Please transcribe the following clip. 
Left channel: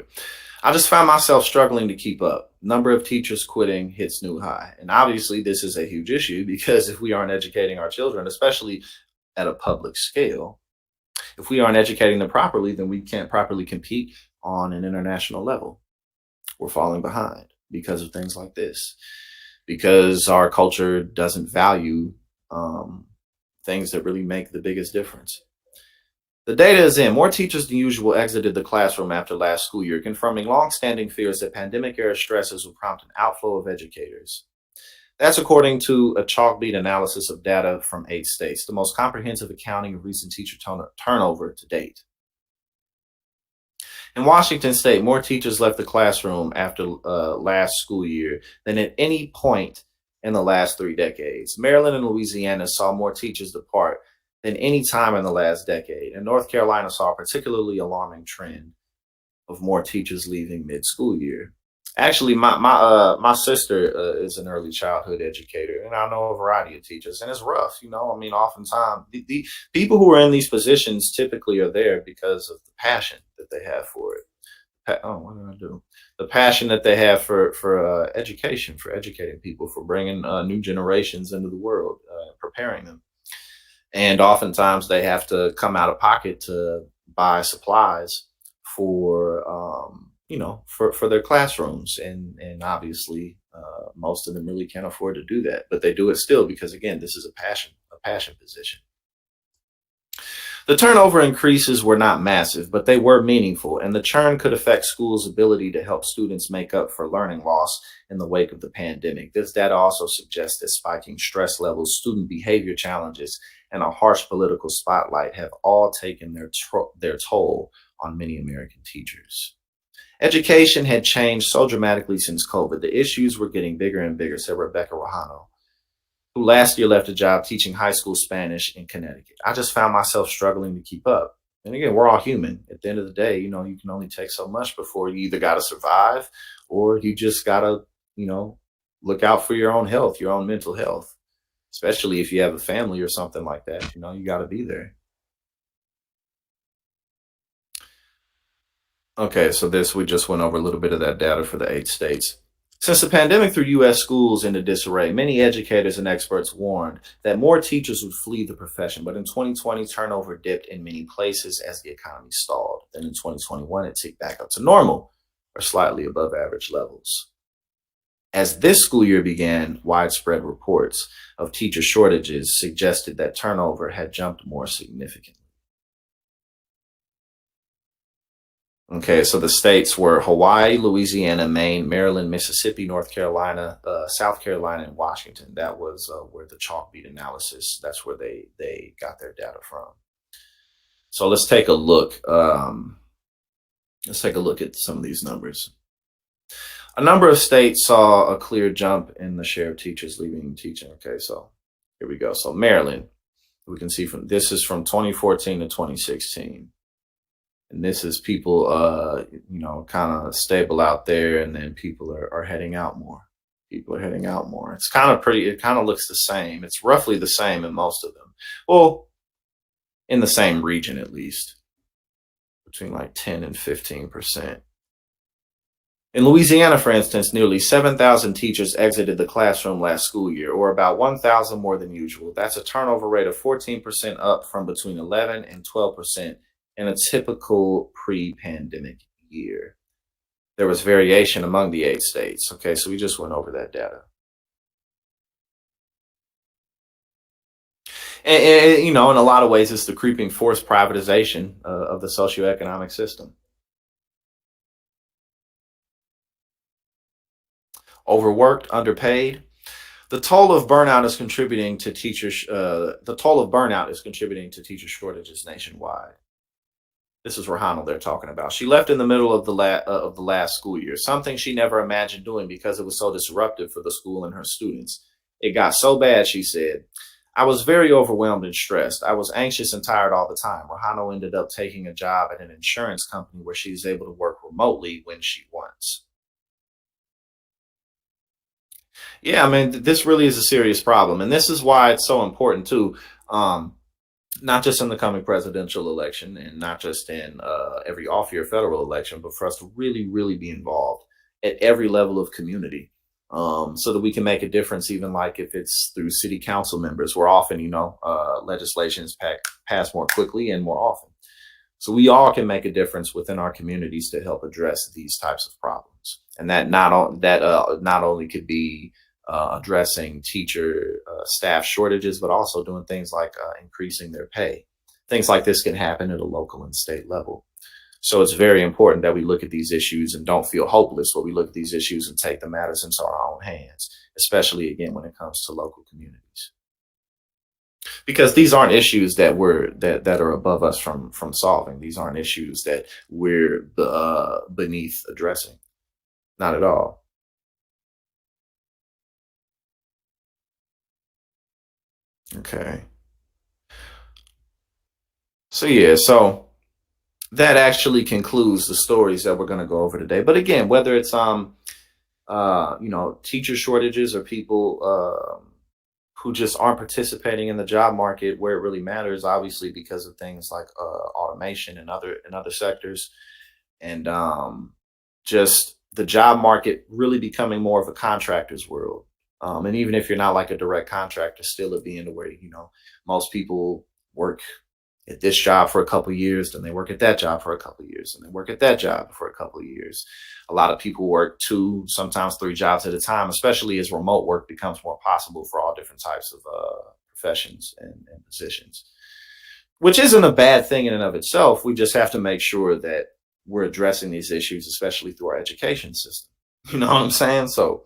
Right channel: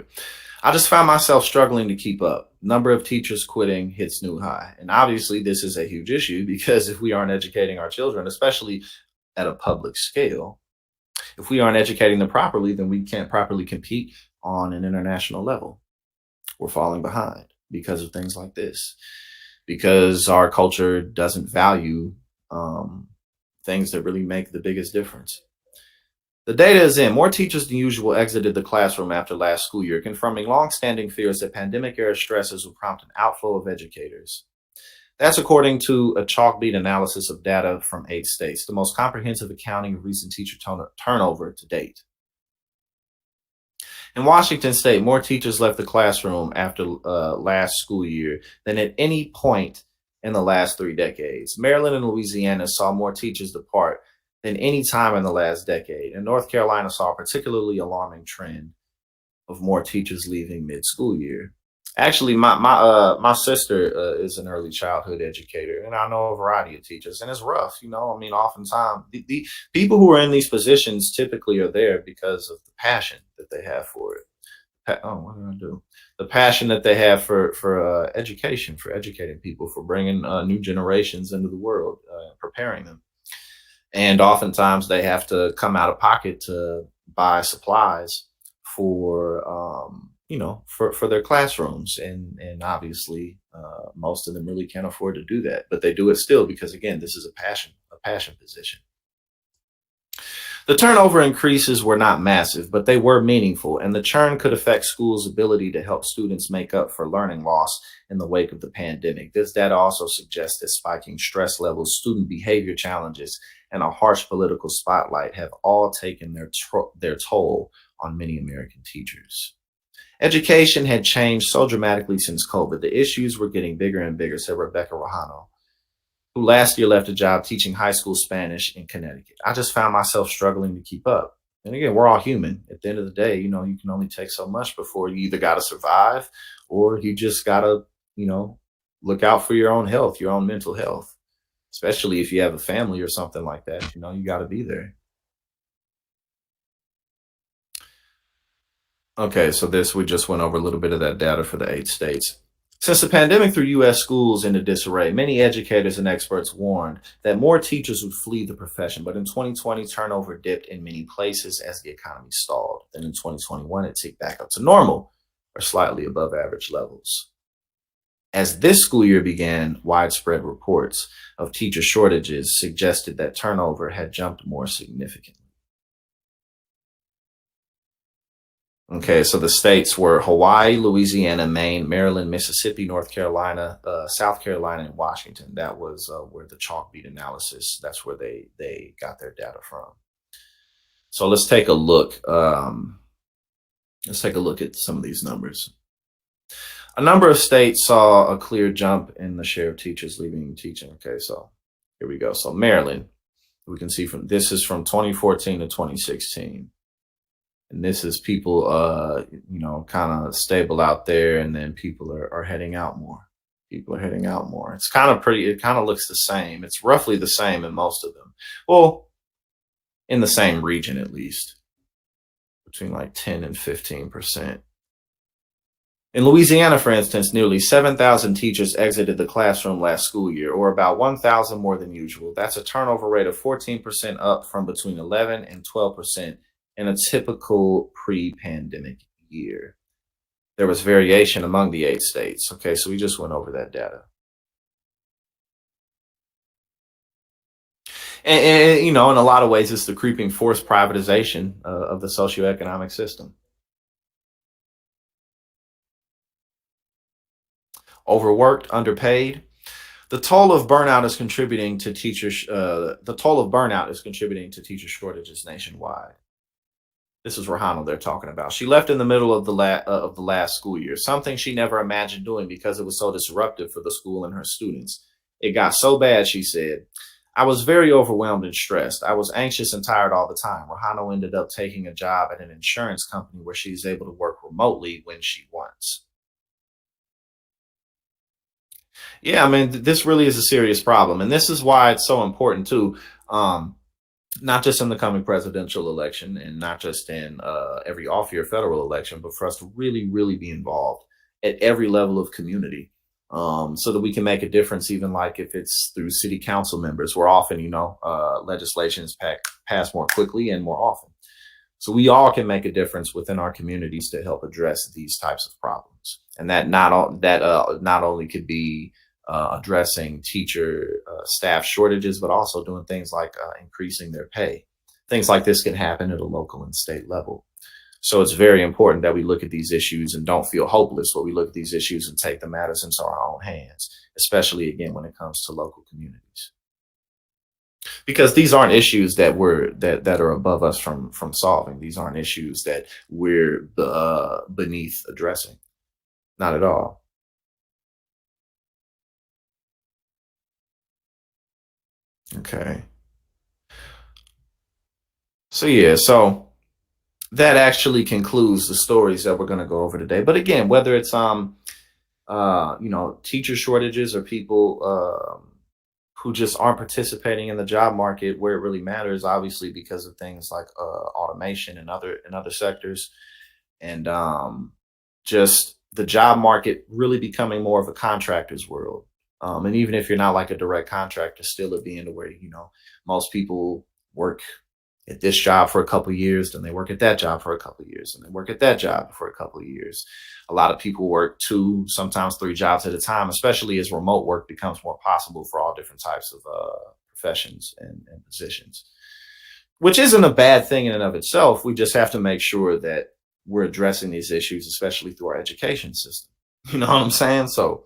it. I just found myself struggling to keep up. Number of teachers quitting hits new high. And obviously, this is a huge issue because if we aren't educating our children, especially at a public scale, if we aren't educating them properly, then we can't properly compete on an international level. We're falling behind because of things like this, because our culture doesn't value um, things that really make the biggest difference. The data is in. More teachers than usual exited the classroom after last school year, confirming longstanding fears that pandemic era stresses will prompt an outflow of educators. That's according to a chalkbeat analysis of data from 8 states, the most comprehensive accounting of recent teacher turnover to date. In Washington state, more teachers left the classroom after last school year than at any point in the last 3 decades. Maryland and Louisiana saw more teachers depart than any time in the last decade. And North Carolina saw a particularly alarming trend of more teachers leaving mid-school year. Actually, my sister is an early childhood educator, and I know a variety of teachers, and it's rough. I mean, oftentimes the people who are in these positions typically are there because of the passion that they have for it. Oh, what did I do? The passion that they have for education, for educating people, for bringing new generations into the world, preparing them. And oftentimes they have to come out of pocket to buy supplies for for their classrooms, and obviously most of them really can't afford to do that, but they do it still because, again, this is a passion position. The turnover increases were not massive, but they were meaningful, and the churn could affect schools' ability to help students make up for learning loss in the wake of the pandemic. This data also suggests that spiking stress levels, student behavior challenges, and a harsh political spotlight have all taken their toll on many American teachers. Education had changed so dramatically since COVID. The issues were getting bigger and bigger, said Rebecca Rojano, who last year left a job teaching high school Spanish in Connecticut. I just found myself struggling to keep up. And again, we're all human. At the end of the day, you can only take so much before you either got to survive or you just got to, look out for your own health, your own mental health, especially if you have a family or something like that. You got to be there. Okay, so we just went over a little bit of that data for the 8 states. Since the pandemic threw U.S. schools into disarray, many educators and experts warned that more teachers would flee the profession. But in 2020, turnover dipped in many places as the economy stalled. Then in 2021, it ticked back up to normal or slightly above average levels. As this school year began, widespread reports of teacher shortages suggested that turnover had jumped more significantly. Okay, so the states were Hawaii, Louisiana, Maine, Maryland, Mississippi, North Carolina, South Carolina, and Washington. That was where the chalkbeat analysis, that's where they got their data from. So let's take a look. Let's take a look at some of these numbers. A number of states saw a clear jump in the share of teachers leaving teaching. Okay, so here we go. So Maryland, we can see this is from 2014 to 2016. And this is people, kind of stable out there, and then people are heading out more. People are heading out more. It's kind of pretty, it kind of looks the same. It's roughly the same in most of them. Well, in the same region, at least, between like 10 and 15%. In Louisiana, for instance, nearly 7,000 teachers exited the classroom last school year, or about 1,000 more than usual. That's a turnover rate of 14% up from between 11 and 12% in a typical pre-pandemic year. There was variation among the 8 states. Okay, so we just went over that data. And in a lot of ways, it's the creeping forced privatization of the socioeconomic system. Overworked, underpaid. The toll of burnout is contributing to teacher shortages nationwide. This is Rahana they're talking about. She left in the middle of the last school year, something she never imagined doing because it was so disruptive for the school and her students. It got so bad, she said. I was very overwhelmed and stressed. I was anxious and tired all the time. Rahana ended up taking a job at an insurance company where she's able to work remotely when she wants. Yeah, I mean, this really is a serious problem. And this is why it's so important, too. not just in the coming presidential election and not just in every off-year federal election, but for us to really, really be involved at every level of community, so that we can make a difference, even like if it's through city council members, where often, legislation is passed more quickly and more often. So we all can make a difference within our communities to help address these types of problems. And not only could be addressing teacher staff shortages, but also doing things like increasing their pay. Things like this can happen at a local and state level. So it's very important that we look at these issues and don't feel hopeless, but we look at these issues and take the matters into our own hands, especially again when it comes to local communities. Because these aren't issues that are above us from solving. These aren't issues that we're beneath addressing. Not at all. Okay. So yeah, so that actually concludes the stories that we're going to go over today. But again, whether it's teacher shortages or people who just aren't participating in the job market where it really matters, obviously because of things like automation and other sectors, and just the job market really becoming more of a contractor's world. And even if you're not like a direct contractor, still it being to where most people work at this job for a couple of years, then they work at that job for a couple of years, and they work at that job for a couple of years. A lot of people work two, sometimes three jobs at a time, especially as remote work becomes more possible for all different types of professions and positions, which isn't a bad thing in and of itself. We just have to make sure that we're addressing these issues, especially through our education system. You know what I'm saying? So